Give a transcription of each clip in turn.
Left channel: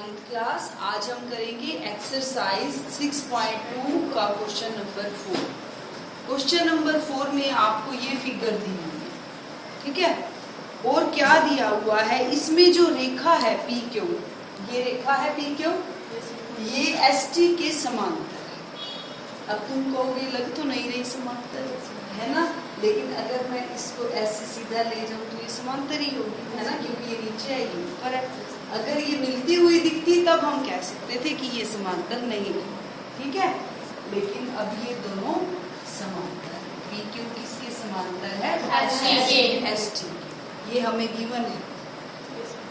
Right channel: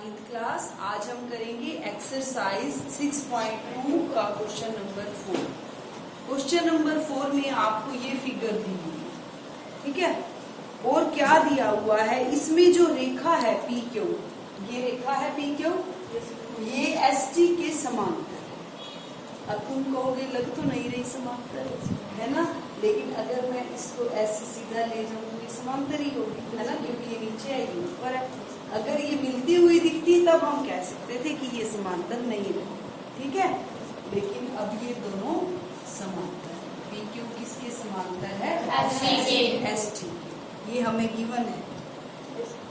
9th class. आज हम करेंगे एक्सरसाइज 6.2 का क्वेश्चन नंबर 4। क्वेश्चन नंबर 4 में आपको ये फिगर दी हुई है, ठीक है। और क्या दिया हुआ है इसमें, जो रेखा है पी क्यू, ये रेखा है पी क्यू, ये एस टी के समांतर है। अब तुम कहोगे लग तो नहीं रही समांतर, है ना, लेकिन अगर मैं इसको ऐसे सीधा ले जाऊं तो ये समांतर ही होगी, है ना, क्योंकि ये नीचे है ये ऊपर है। अगर ये मिलती हुई दिखती तब हम कह सकते थे कि ये समांतर नहीं है, ठीक है। लेकिन अब ये दोनों समांतर है। पी क्यू किसके समांतर है? एस टी के। ये हमें गिवन है।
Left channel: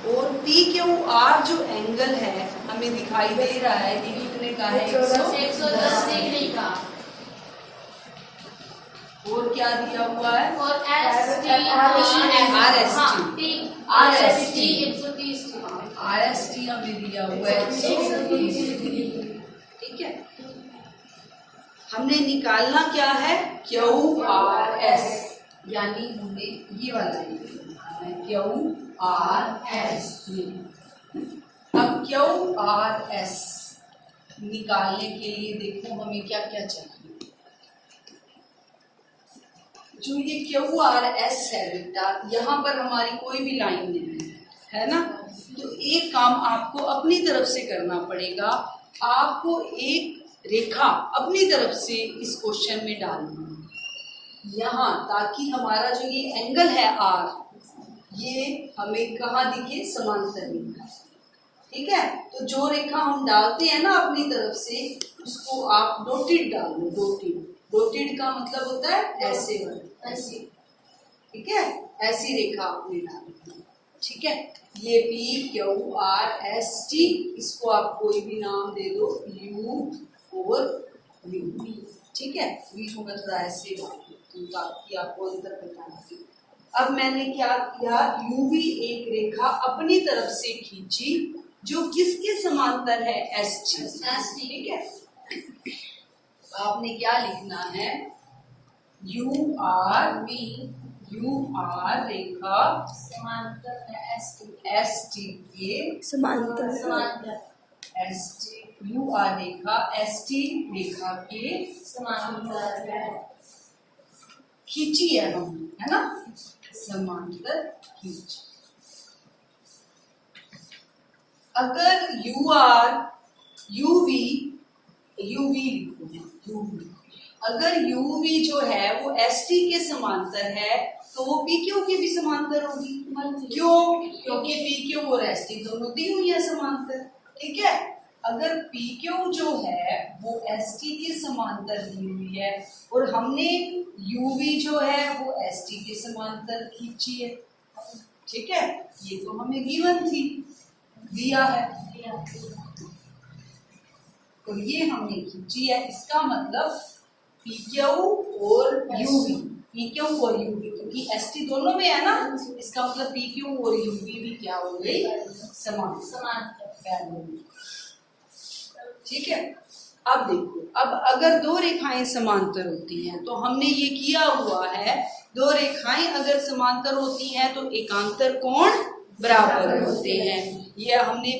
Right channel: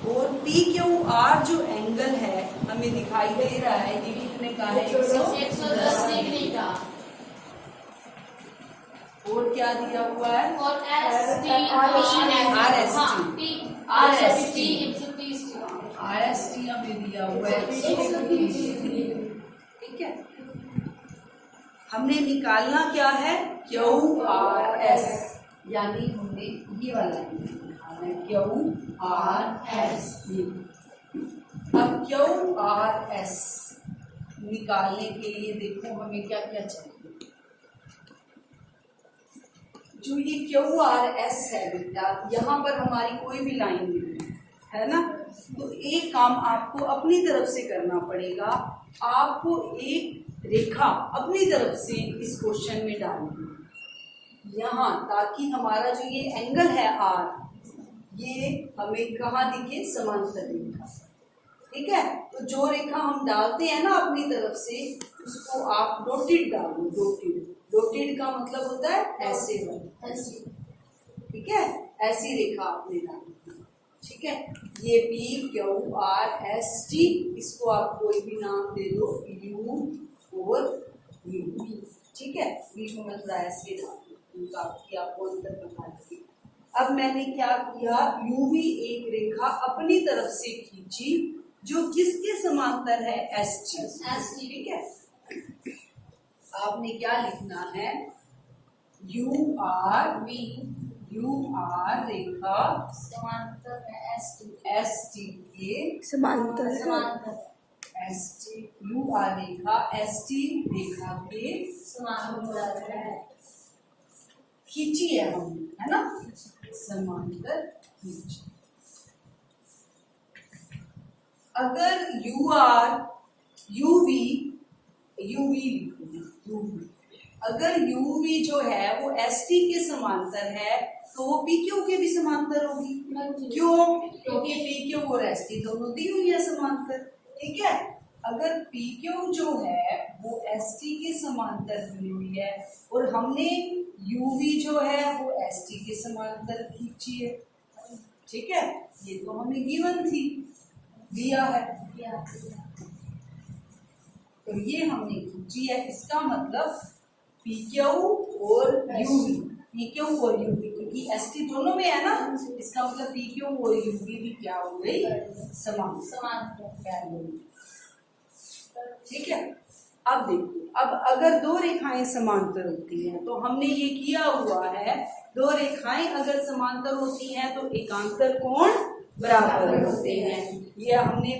और पी क्यू आर जो एंगल है हमें दिखाई दे रहा है, ये कितने का है? 110 डिग्री का। और क्या दिया हुआ है? और आर एस टी हमें दिया हुआ है 130 डिग्री, ठीक है। हमने निकालना क्या है? क्यू आर एस, यानी हमें ये वाला निकालना है, क्यू आर एस। अब क्यू आर एस निकालने के लिए देखो हमें क्या क्या चाहिए। जो ये क्यू आर एस है बेटा, यहाँ पर हमारी कोई भी लाइन नहीं है ना, तो एक काम आपको अपनी तरफ से करना पड़ेगा। आपको एक रेखा अपनी तरफ से इस क्वेश्चन में डालनी है यहाँ, ताकि हमारा जो ये एंगल है आर, ये हमें कहाँ दिखे? समांतर दिखे, ठीक है। तो जो रेखा हम डालते हैं ना अपनी तरफ से, उसको आप डॉटेड डालो। डॉटेड का मतलब होता है ऐसे वाला, ठीक है, ऐसी रेखा आपने डाली, ठीक है। ये P Q R S T, इसको आप कोई भी नाम दे दो, यू और वी, ठीक है। वी को मैं थोड़ा ऐसे डाल दूँ ताकि आपको अंतर पता लगे। अब मैंने क्या किया, यू वी एक रेखा अपनी तरफ से खींची जो किसके समांतर है? एस टी, ठीक है। आपने क्या लिखना है? यू आर रेखा समांतर है एस टी के समांतर एस टी, यू आर रेखा एस टी रेखा के समांतर है। खींची है हमने, है ना, समांतर खींची। अगर अगर यूवी जो है वो एस टी के समांतर है, तो वो पी क्यू के भी समांतर होगी। क्यों? क्योंकि पी क्यू और एस टी दोनों दी हुई है समांतर, ठीक है। अगर पी क्यू जो है वो एस टी के समांतर दी हुई है और हमने यूवी जो है वो एस टी के समांतर खींची है, ठीक है। ये तो हमें गिवन थी, दिया है, तो ये हमने खींची है। इसका मतलब पी क्यू और यूवी, पी क्यू और यूवी, क्योंकि एस टी दोनों में है ना, इसका मतलब पी क्यू और यूवी भी क्या हो गई? समांतर, ठीक है। अब देखो, अब अगर दो रेखाएं समांतर होती हैं, तो हमने ये किया हुआ है, दो रेखाएं अगर समांतर होती हैं तो एकांतर कोण बराबर होते हैं। ये हमने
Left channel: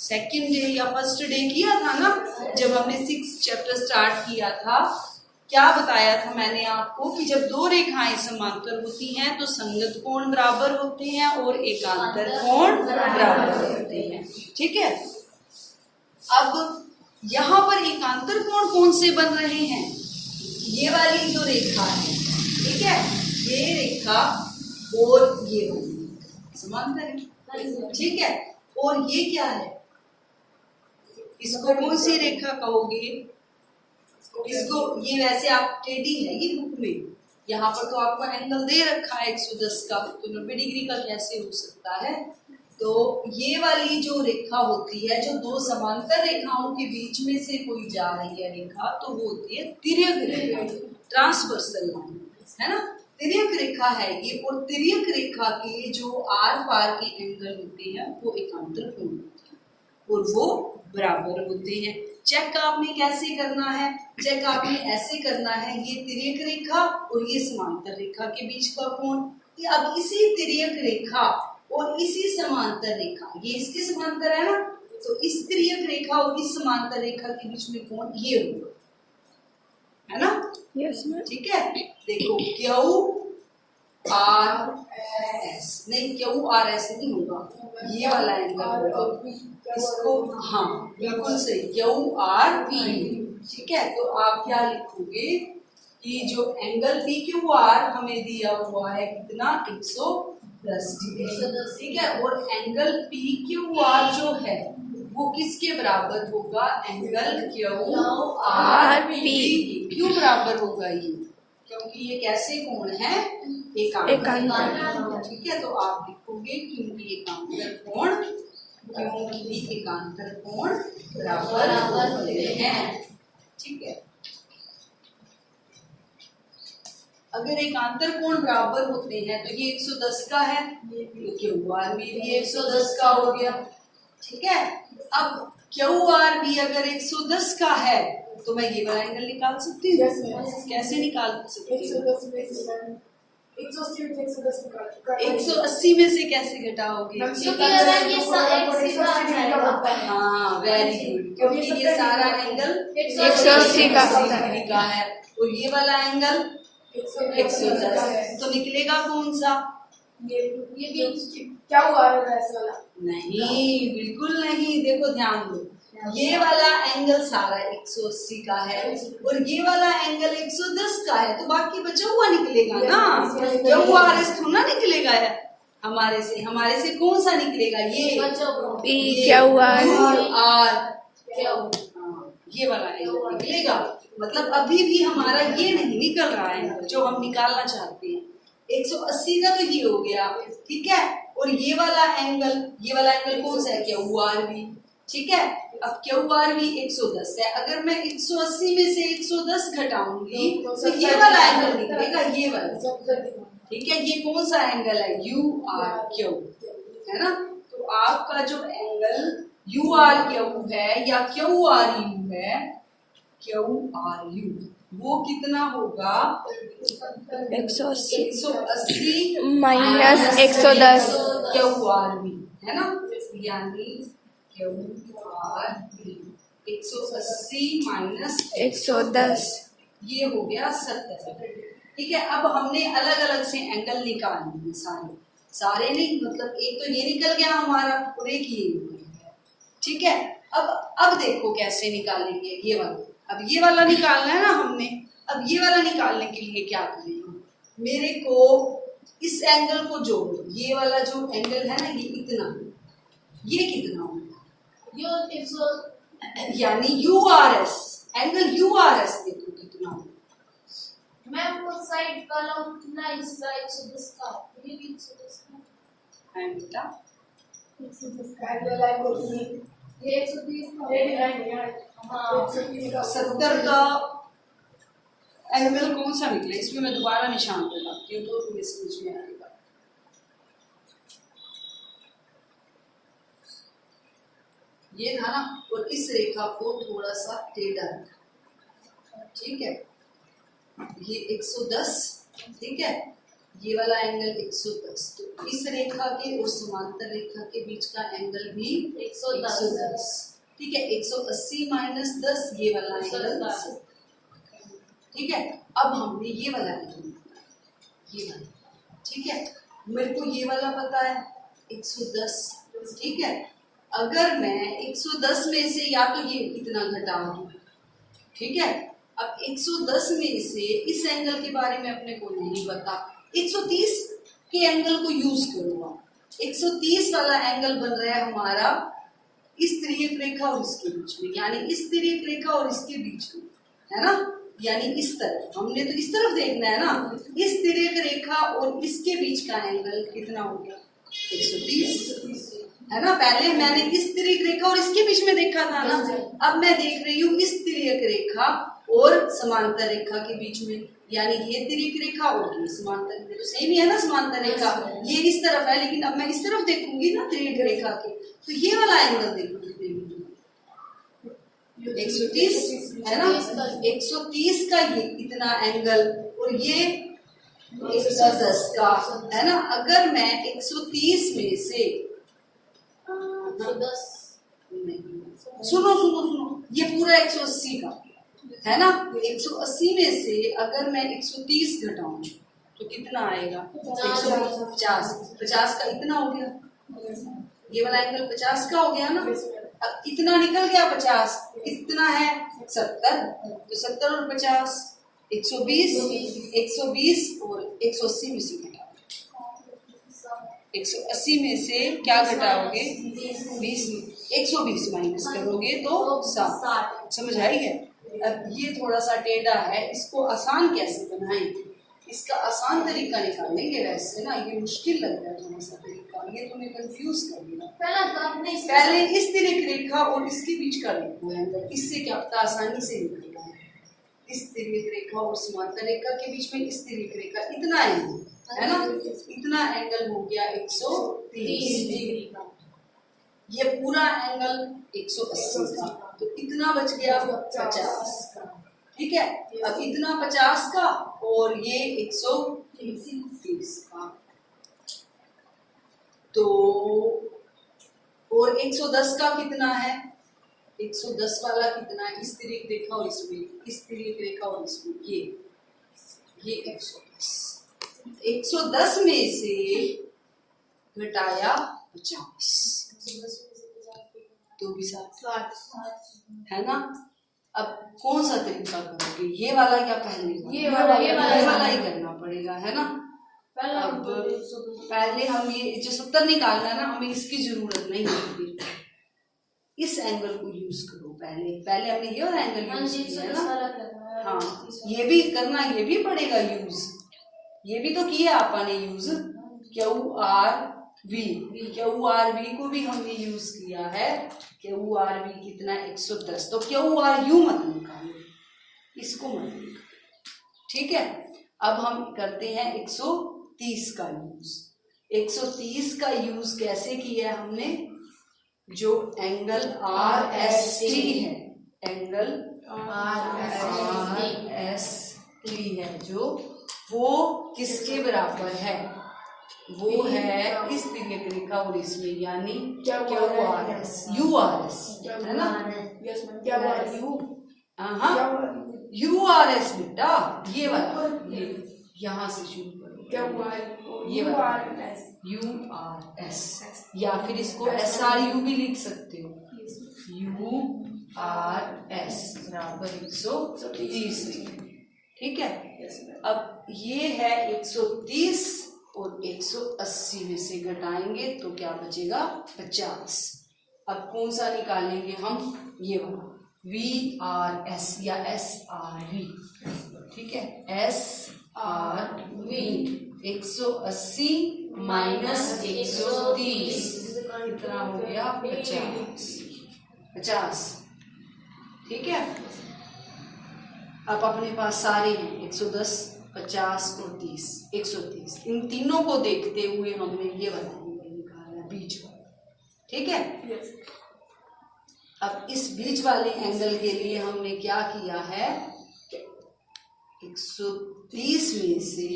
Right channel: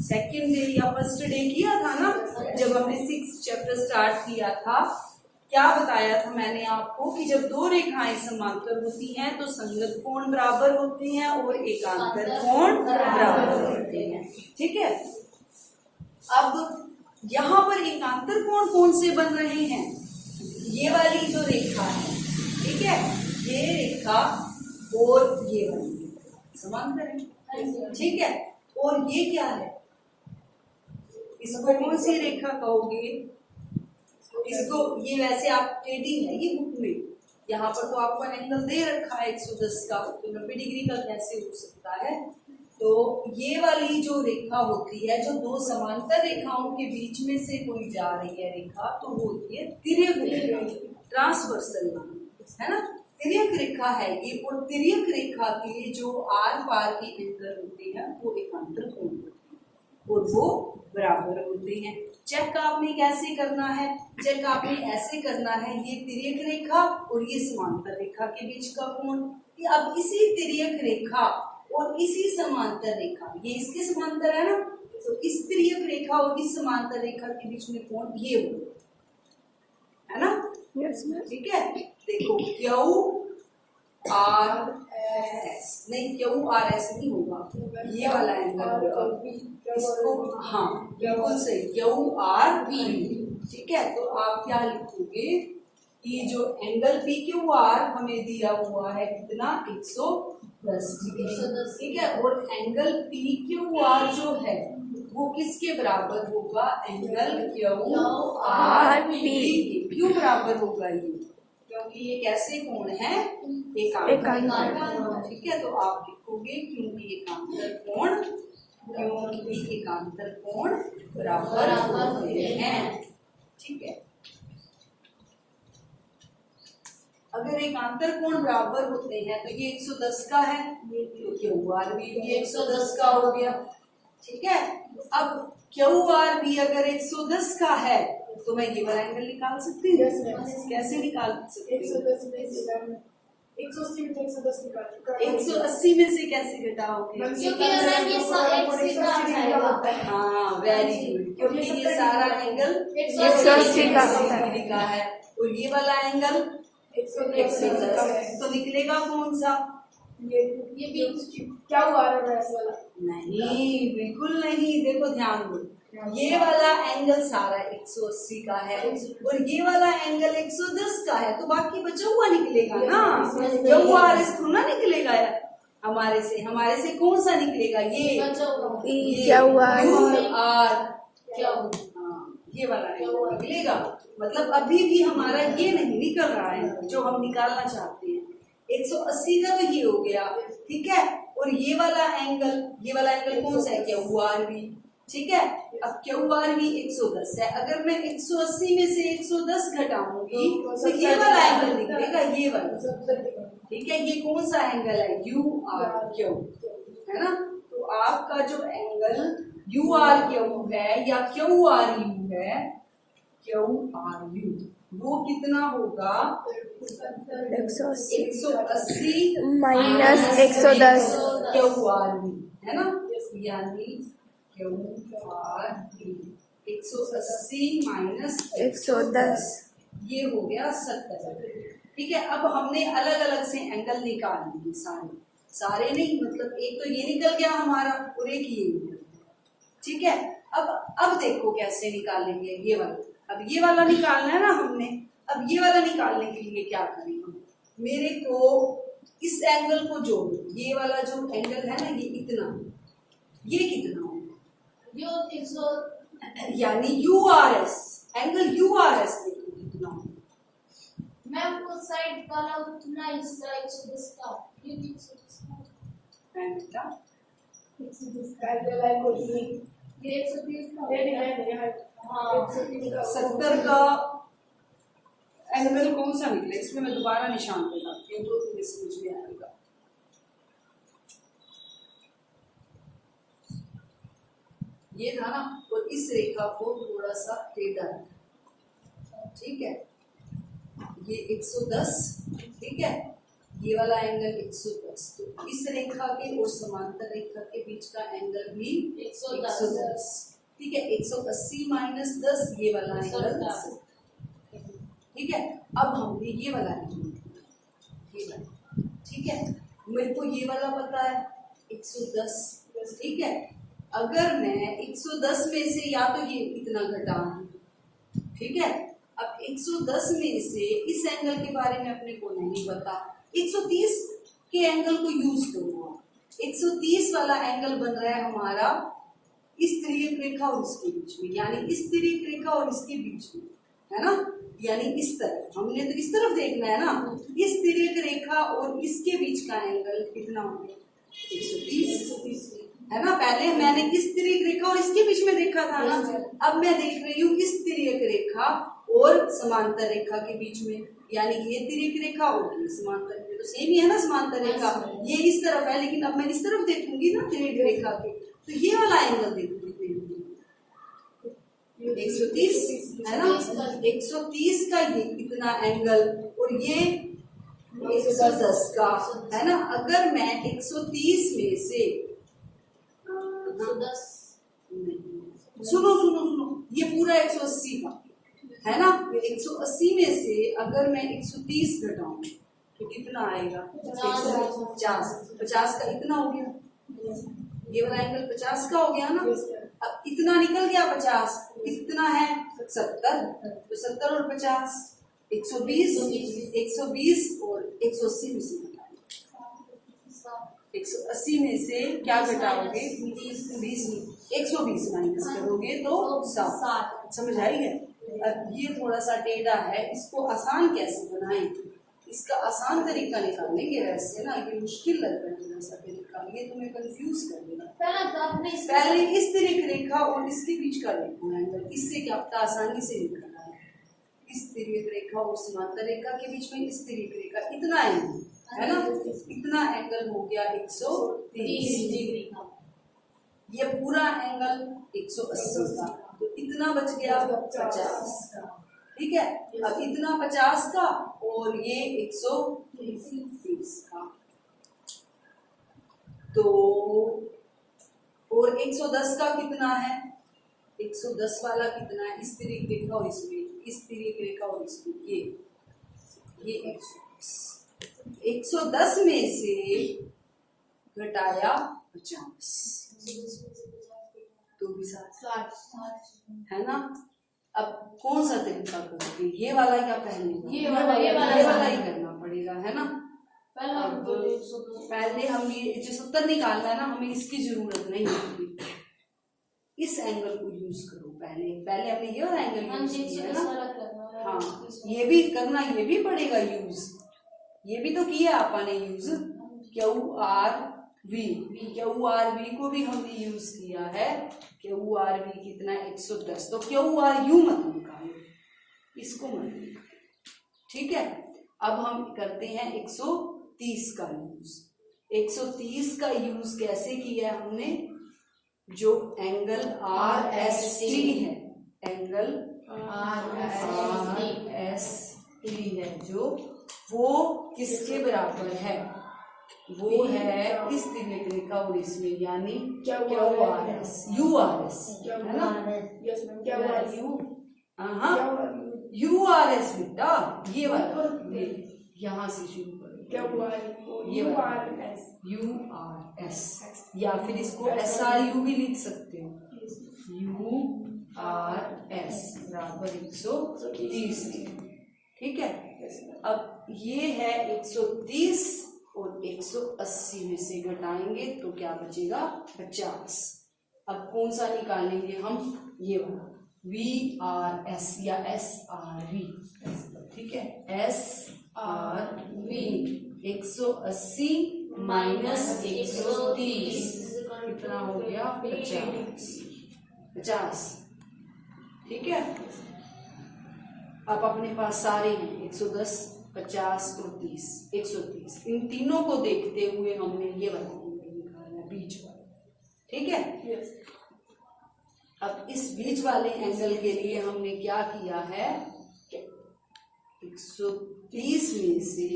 सेकंड डे या फर्स्ट डे किया था ना, जब हमने 6th चैप्टर स्टार्ट किया था। क्या बताया था मैंने आपको कि जब दो रेखाएं समांतर होती हैं तो संगत कोण बराबर होते हैं और एकांतर कोण बराबर होते हैं, ठीक है। अब यहाँ पर एकांतर कोण कौन से बन रहे हैं? ये वाली जो रेखा है, ठीक है, ये रेखा और ये वाली समांतर है, ठीक है। और ये क्या है? इसको कौन सी रेखा कहोगे? इसको, ये वैसे आप टेढ़ी है ये बुक में, यहाँ पर तो आपको एंगल दे रखा है 110 का, तो 90 डिग्री का कैसे हो सकता है? तो ये वाली जो रेखा होती है, जो दो समांतर रेखाओं के बीच में से कोई जा रही है रेखा, तो वो होती है तिर्यक रेखा, ट्रांसवर्सल लाइन, है ना। तिर्यक रेखा है ये, और तिर्यक रेखा के जो आर पार के एंगल होते हैं वो एकांतर कोण होते हैं और वो बराबर होते हैं। चेक आपने कैसे करना है? चेक आपने ऐसे करना है, ये तिर्यक रेखा और ये समांतर रेखा के बीच का कोण। अब इसी तिर्यक रेखा और इसी समांतर रेखा, ये इसके समांतर है ना, तो रेखा और इस समांतर रेखा के बीच में कोण ये होगा, है ना? Yes ma'am. ठीक है, देखो क्यू आर एस, नहीं क्यू आर एस नहीं होगा, ये वाला एंगल होगा इसको, हाँ बिल्कुल सही, क्यू आर वी। ठीक है, तो आप क्या लिखोगे कि जो एंगल पी क्यू आर हमें दिया हुआ है कितना, 110 डिग्री। ठीक है, और एंगल पी क्यू आर जो है वो किसके बराबर होगा, एंगल क्यू आर पी। क्यों बराबर होगा ये, क्योंकि ये कैसे कोण है, एकांतर। ठीक है, तो आप लिखोगे क्योंकि एकांतर कोण, क्योंकि एकांतर कोण बराबर होते हैं। ठीक है, अगर एकांतर कोण बराबर होते हैं तो ये 110 का है, तो क्यू आर भी 110 का हो गया। ठीक है, अब क्यू आर भी अगर 110 का है तो मैं ये वाला एंगल निकाल सकती हूँ। कैसे निकाल सकती हूँ, 180 में से कैसे घटाओगे, क्योंकि अगर ये एक सीधा आ जाएगा। हाँ वेरी गुड, क्योंकि ये सारा एंगल 180 का है और ये वाला एंगल 110, तो निकलेगा कौन सा, ये भी क्या हुआ है ऐसा वाला? नहीं बिल्कुल नहीं, देखो ध्यान दो, ये वाला एंगल सारा 180 का है और ये वाला एंगल 110 का है, तो बाकी बचा हुआ निकलेगा ना, क्यू आर एस थोड़ा निकलेगा है हमारे से कौन सा निकलेगा, ये पी क्यू आर ये वाला एंगल निकलेगा। मतलब अभी भी हमारा ये नहीं निकल रहा है जो हम निकालना चाहते हैं, 180 का तो ये हो गया। ठीक है, और ये वाला एंगल कौन सा है, क्यू आर भी। ठीक है, अब क्यू आर भी 110 है, अगर मैं 180 में से 110 घटाऊंगी तो ये वाला एंगल निकलेगा, ये वाला। ठीक है, ये कौन सा एंगल है, यू आर क्यू, है ना? तो आपका जो एंगल यू आर क्यू है या क्यू आर यू है, क्यू आर यू, वो कितना होगा, 180 माइनस 110 क्यू आर वी, है ना? यानी क्यू आर वी 180 माइनस 110, ये हो गया 70। ठीक है, अब हमने अलग अलग से एंगल निकाल लिए, सारे नहीं, मतलब एक तो ये निकल गया हमारा और एक ये निकल गया। ठीक है, अब देखो कैसे निकालेंगे ये वाला, अब ये वाला निकालना है ना हमने, अब ये वाला निकालने के लिए क्या करेंगे, मेरे को इस एंगल को जोड़ दो, ये वाला जो एंगल है ना ये इतना, ये कितना होगा, यानी you R S, angle you R S देखो कितना होगा, मैं आपको साइड वाला उतना हिस्सा 110 का, ये भी 110 का है बेटा, 110 का एंगल है वो ये 130 का है। हाँ 70 का एंगल कौन सा निकला, इसमें मैं दोबारा निशान लगाती हूँ तो तुम्हें समझ में आएगा। ये था ना, और इस रेखा को थोड़ा सा टेढ़ा रखा, ठीक है, ये 110, ठीक है, ये वाला एंगल 110, तो इस रेखा के और समांतर रेखा के बीच का एंगल भी 110, ठीक है, 180 माइनस 10, ये वाला एंगल 10, ठीक है। अब हमने ये वाला एंगल, ये वाला, ठीक है, मेरे को ये वाला पता है 110, ठीक है, अगर मैं 110 में से या तो ये कितना घटा दूं, ठीक है, अब 110 में से इस एंगल के बारे में अपने को नहीं पता, 130 के एंगल को यूज करूंगा, 130 वाला एंगल बन रहा है हमारा इस तिर्यक रेखा और इसके बीच में, यानी इस तिर्यक रेखा और इसके बीच में, है ना, यानी इस तरफ, हमने तो इस तरफ देखना है ना, इस तिर्यक रेखा और इसके बीच का एंगल कितना हो गया 130, है ना। पहले मैंने इस तिर्यक रेखा और इसके बीच में देखा था ना, अब मैं देख रही हूँ इस तिर्यक रेखा और समांतर रेखा के बीच में, यानी ये तिर्यक रेखा और ये समांतर, तो सेम ही है ना समांतर रेखा, ये इस तरफ है, लेकिन अब मैं इस तरफ देखूंगी ना तिर्यक रेखा के, तो ये वाला एंगल देखो कितने 130 है ना, 130 का ये इतना एंगल और ये 110 का, है ना। अगर मैं 130 में से 110 नहीं सुनो सुनो सुनो, ये पूरा 180 का है ना। 180 में से अगर मैं 130 घटाऊं तो कितना आएगा? 150। 50 का इतना हो गया, ये वाला एंगल 50 का हो गया ना। अब कितना निकल गया? 50। कितना है? 70। तो 70 और 50 120। 120 और 180 में से घटाओ। 180 में से क्या घटाओगे? 20। 120 माइनस करोगे तो 60। समझ आई है? अब ये थोड़ा सा टेढ़ा है, इसको आसान कैसे बनाएं? इसका आसान तरीका निकालेंगे। वैसे ना ये मुश्किल लग रहा है थोड़ा सा तरीका, ये तुम्हें कंफ्यूज कर देगा। पहले इस तिर्यक रेखा और इसके बीच का देखो एंगल, इससे क्या पता आसानी से निकल रहा है। इस तिर्यक रेखा और समांतर रेखा के बीच में इस तिर्यक रेखा, इतना एंगल है ना, इतना एंगल हो गया 130 डिग्री का। ये पूरा एंगल 180 का, तो इतना बच गया 50। ठीक है, अब इतना 50 का और ये 130 का, तो और 110 का कितना है? 110 वाला कितना है? इस तिर्यक रेखा और इसमें, इस तिर्यक रेखा और इसमें, ये 110। 110 में से घटाया 50 तो भी 60 है ना। अब कौन सा तरीका करोगे? ये वाला क्या पहले? ये वाला ही करना पड़ेगा है ना। अब पहले हम ये जो 70 निकालना है ना, हमें इसकी जरूरत नहीं होगी। इस एंगल को यूज करो। पहले हमने ये वाला एंगल यूज किया है ना। हाँ, ये भी करना, ये भी पड़ेगा यूज। ये भी तो किया आपने यूज, QRV। QRV को भी हमने यूज किया है। QRV कितना? 110। तो QRU मत निकालो, इसको मत निकालो। ठीक है, अब हम करते हैं 130 का यूज। 130 का यूज कैसे किया हमने? जो एंगल RST है, एंगल RST है जो, वो किसके बराबर है? वो है इस तिर्यक रेखा और इसमें, यानी QRS, URS है ना। URS बेटा, ये वाला, ये यहाँ से शुरू करो, ये वाला URS, या फिर इसको SRU भी लिख सकते हो। URS बराबर 130। ठीक है, अब ये है 130 और 180 में से घटाएंगे तो क्या बचेगा? 50। अब कौन सा निकालेंगे हम? ये वाला VRS या SRV। ठीक है, SRV 180 माइनस 130 कितना हो गया? 50। ठीक है, अब अपने पास सारे हैं 110, 50 और 30, 130। इन तीनों को देखते हुए हमने ये वाला एंगल निकाला, बीच वाला। ठीक है, अब इस बीच वाले एंगल के लिए हमने क्या किया है? 130 में से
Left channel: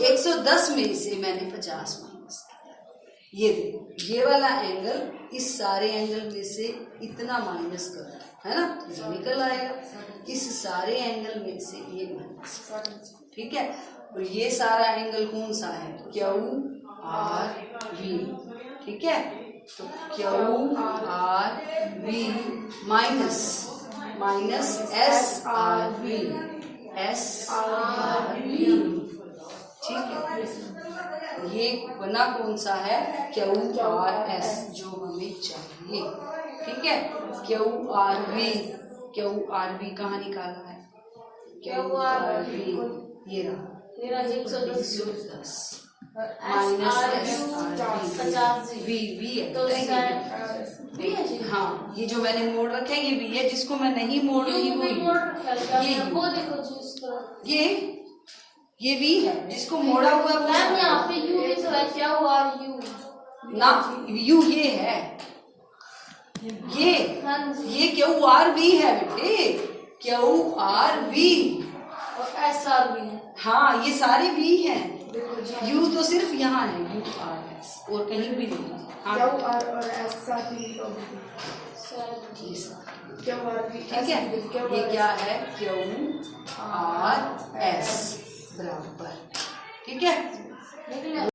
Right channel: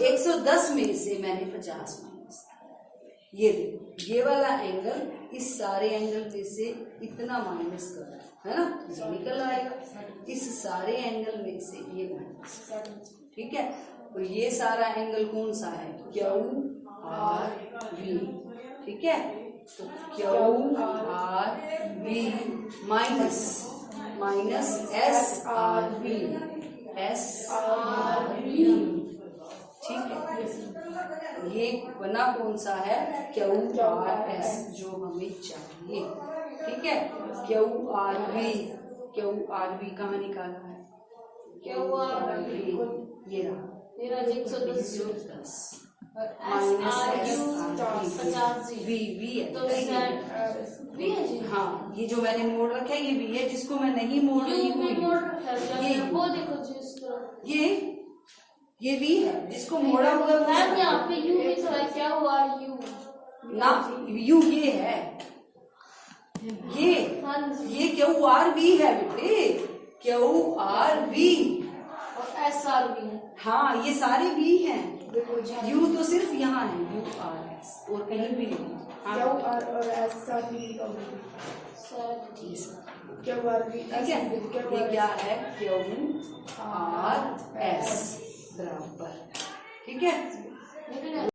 110 में से मैंने 50 माइनस किया। ये देखो, ये वाला एंगल इस सारे एंगल में से इतना माइनस करो, है ना, तो निकल आएगा। इस सारे एंगल में से ये माइनस। ठीक है, और ये सारा एंगल कौन सा है? QRV। ठीक है, तो QRV माइनस SRV। ठीक है, ये बना कौन सा है? QRS, जो हमें चाहिए। ठीक है, QRV कहाँ निकाला है? QRV ये रहा 110 माइनस SRV है जी। हाँ, ये जो मैंने मोड़ रखा है ये V है, जिसको मैं नहीं मोड़ रही हूँ ये वो देखो जी इस तरह, ये V है, जिसको मोड़ा हुआ है मैम यहाँ पे U लिखा है, क्या हुआ U ना, U ये है, ये QRV है बेटे, QRV और SRV आर भी है। हाँ, ये सारे भी हैं। बिल्कुल। यू तो सिर्फ यहाँ है, यू आर एस, और कहीं भी नहीं। हाँ, क्यू आर और एस साथ में लिखा होगा। जी सर। क्यू आर भी ठीक है, ये क्या है, क्यू आर एस बराबर, ठीक है। लेकिन